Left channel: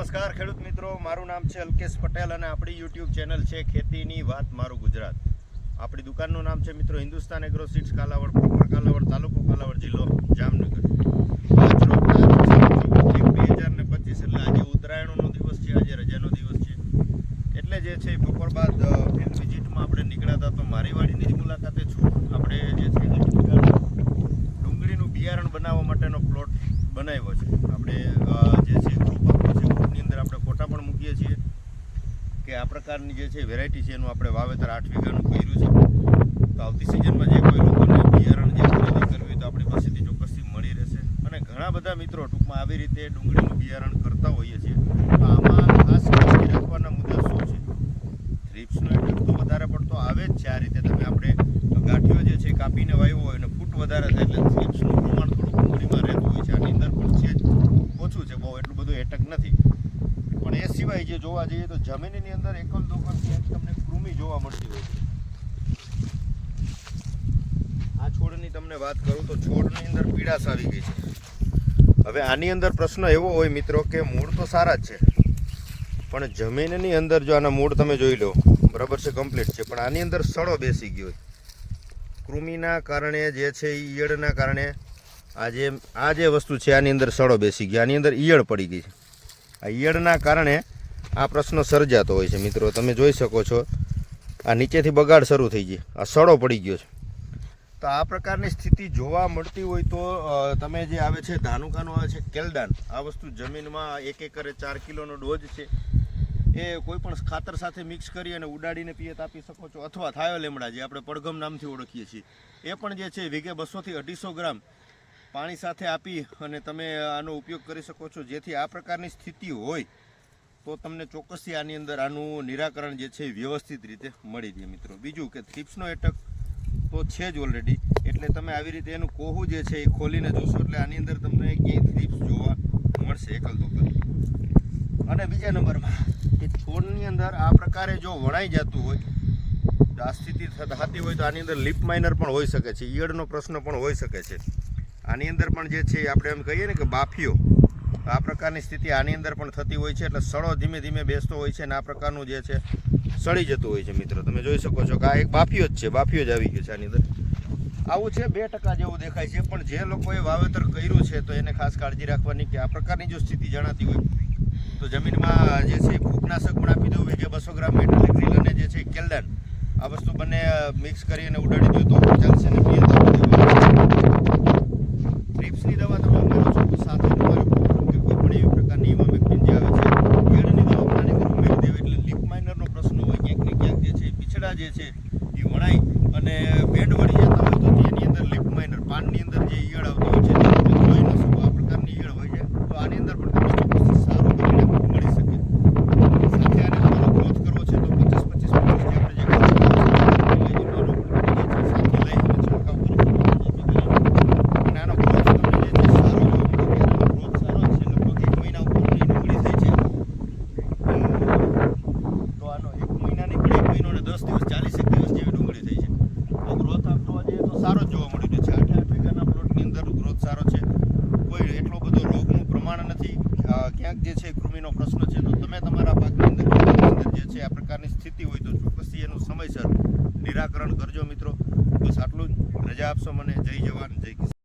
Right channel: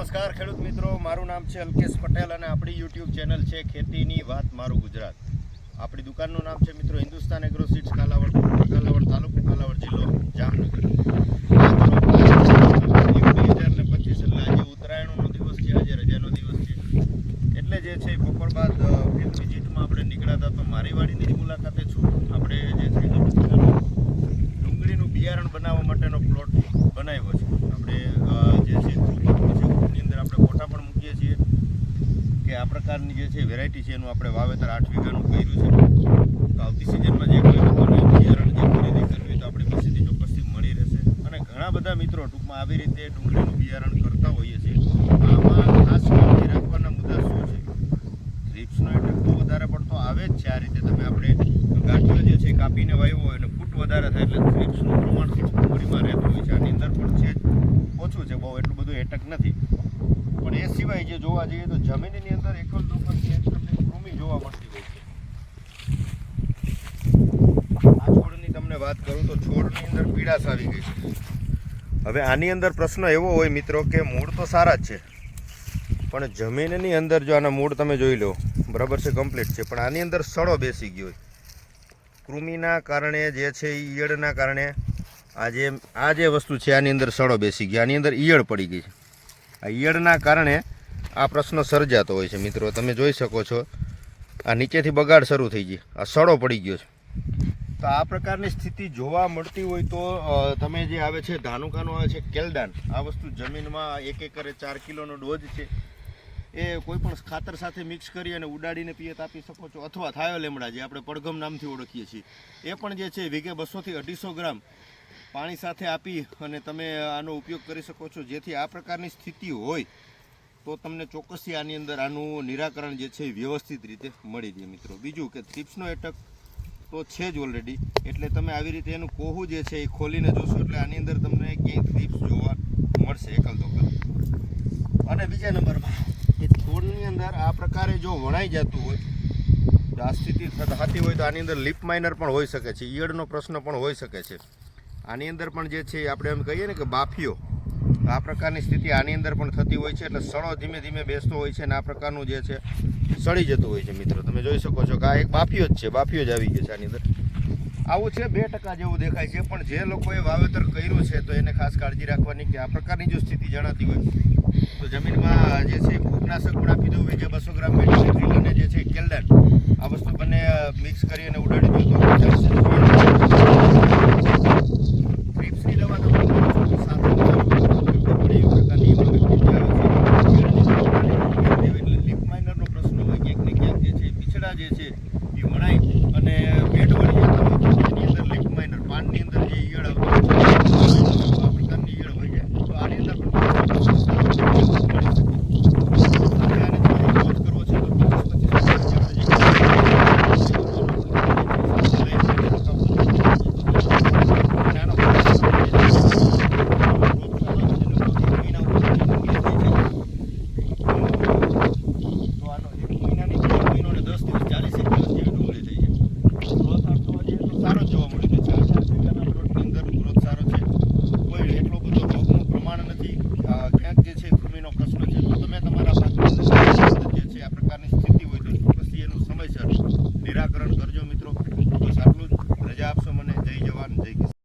નમસ્કાર, ખેડૂત મિત્રો. મારું નામ છે અલ્કેશ પટેલ અને આપણી યુટ્યુબ ચેનલ છે ખેતીની વાત મારું ગુજરાત. આપણી દુકાનનું નામ છે મિત્રો હિન્દુસ્તાન એગ્રો સીડ્સ કાલાવડ કાલાવડ તાલુકો, કાલાવડ જિલ્લો, જામનગર. બે હજાર ને પચીસ એટલે આજે ઉત્તરાયણનો દિવસ છે, આજે રજાનો દિવસ છે. એટલે જે છે બપોર બાદ ફિલ્ડ વિઝિટમાં આપણે નીકળ્યા હતા તો મારી વાડીની જ મુલાકાતે છું. આપણે જે છે ડુંગળીનું બિયારણ બનાવવા માટેનો પ્લોટ બનાવ્યો છે. આપણે અ, જે છે ગ્રુપ આપ્યું છે ગ્રુપની અંદર આપણે મૂકીએ છીએ કે આ પ્રકારની જે છે વેરાયટી છે એનું આપણે વાવેતર આઠ વીઘાનું કર્યું છે. તો આવતી સિઝનમાં જે કોઈ લોકોને બિયારણ જે ખરીદી કરવી તો આપણી પાસેથી ચોક્કસથી મળી રહેશે. અને ઘણા બધા મિત્રો ટૂંકમાં આવી રીતે ડુંગળીનું બિયારણ કરતા હોઈએ છીએ. આમાં ખાસ કાળજી રાખવાના મુદ્દા શું છે? થ્રીપ્સનો એટેક તો વધારે પડતો આવે જ છે આ રીતે તમે આપણે ગાંઠિયો જે છે કાપીને વાવ્યો હોય અને ફૂટ વધારે થાય એટલે થ્રીપ્સનું પ્રમાણ થોડું ડુંગળીમાં રહેતું હોય છે. આની અંદર પણ છે જ. ઓછું છે, બહુ એટલું બધું એટક નથી. પણ એ સિવાય જે જોવા જઈએ તો જમીનની અંદર એકલ દોકલ ક્યાંક તમને કૃમિ જોવા મળતી હોય છે. આ છોડની તમને વાત કરું તો છોડની અંદર પીડાશ આવી ગઈ છે. હવે આની અંદર પ્રશ્ન એવો હોય મિત્રો કે મૂળ તો સારા જ છે, પણ જમીનની અંદર જો આના મૂળ તમે જોઈ લો, બરાબર છે કમ્પ્લીટ છે, પણ આની અંદર સડો બેસી ગયો કૃમિના કારણે જે છે ઈયળના કારણે આ જે આ જે વસ્તુ છે આની અંદર સડો બેસી ગયો, આની અંદર ઈયળ પડી ગઈ છે. આ ઈયળના કારણે આ પ્રશ્ન સર્જાતો હોય છે, મિત્રો. તમે જોઈ શકો છો, આ નીચેથી બગાડ શરૂ થઈ ગઈ. આ સડો પડી ગયો છે. તો આ પ્રકારની સ્થિતિ જોવા મળતી હોય તો તમે જે આવે છે, ધાનુકાનો આવે છે, કેલદાન. આ વસ્તુ જમીનમાં એક એકરે ચાર કિલોનો ડોઝ છે. એ કોઈ પણ ખાતર સાથે મિક્સ કરી અને ઉડાડીને પિયત આપી શકો છો. અથવા થાયો લેમડા, જે આપણે પડઘમ નામથી ઓળખીએ છીએ. એ પણ જે છે, વીઘે બસોથી અઢીસો ગ્રામ. પાણી સાથે આપી અને તમે આનો ઉપયોગ કરી શકો છો. જેથી આ પ્રકારની સ્થિતિ હોય, તો તમને ચોક્કસથી આની અંદર આનું નિરાકરણ જે છે વ્યવસ્થિત રીતે મળી રહે મિત્રો. બીજું કે થ્રીપ્સનો એટક તો છે જ ઓલરેડી એટલે તમે આવી રીતે એનું કોહું જે છે એ ખોલીને જોશો એટલે આની અંદર તમને ક્યાંય થ્રીપ્સ જોવા મળશે એકલ દોકલ. અને બીજા નંબરમાં કે છોડની અંદર આ પ્રકારે જો વણાઈ જતું હોય આ સ્થિતિ થત- થતી હોય તો આની અંદર લિપ માઇનર પણ હોઈ શકે છે. ઈયળનો પ્રશ્ન પણ હોઈ શકે છે. આની અંદર પણ જે છે આપણે એમ કહીએ ને કે બાફીઓ, આ પ્રકારની સ્થિતિ આની અંદર પણ થતી હોય છે એટલે સડો ધીમે ધીમે બેસતો હોય છે અને આ પ્રકારનું જે છે સડી જતું હોય છે મિત્રો. તમે જોઈ શકો છો કે આ એક બાફીઓ જ છે, બાફીઓ જ આવી ગયો છે આની અંદર. આવું છે બે ટકા જેવું દેખાય છે, પણ જે લોકોએ વાવેતર કર્યું છે તો એને ખાસ કાળજી રાખવાની કે આ પ્રકારની જો સ્થિતિ જણાતી હોય તો જમીનમાં જે છે ફૂગનાશક પણ આપી દઉં. જે બસો ગ્રામ મેટ્રિલ અને જે છે કેલ્ડન આ વસ્તુ બંને મિક્સ કરી અને ઉડાડી દો તો ચાલશે ટ્રીપ્સની દવા તમે સાથે પડે, એવી પ્રકારની જે આવે છે. પાણી એટલે લીપ માઇનરનો પ્રશ્ન હોય ક્યાંક ને ક્યાંક જે છે પીછડા જે છે, એ વણાય. અને બેડ વળી જતા હોય એની અંદર લીપ માઇનર પાનની અંદર જે ઈયળ આવતી હોય છે આ પ્રકારની ઈયળ હોય છે તો આની અંદર પણ મળી શકે સાથે આને થોડો growth કરવો છે તો પચીસ પચીસ આપણે જે અને આનો growth સારો છે એટલે એક મહિના ઉપર ડુંગળી થઈ છે તો આનો એક મહિનાની કે એક મહિનો ને દસ દિવસ ચાલીસ એક દિવસ જેવી ડુંગળી થઈ છે ગ્રોથ આમ જોવા જઈએ તો સારો જ જોવા મળી રહ્યો છે આઠ આઠ વીઘાના પ્લોટની અંદર ગ્રોથ સારો છે કોઈ એટલો બધો રોગનું પ્રમાણ નથી આ ક્યાંક જે છે કૃમિનો પ્રશ્ન છે, તો તમે તમારા પાકની જે છે આ પ્રકારની સ્થિતિ હોય તો ચોક્કસથી એનું સમયસર નિરાકરણ કરજો મિત્રો. બસ આટલું જ. રજા આપશો મને. જય જવાન, જય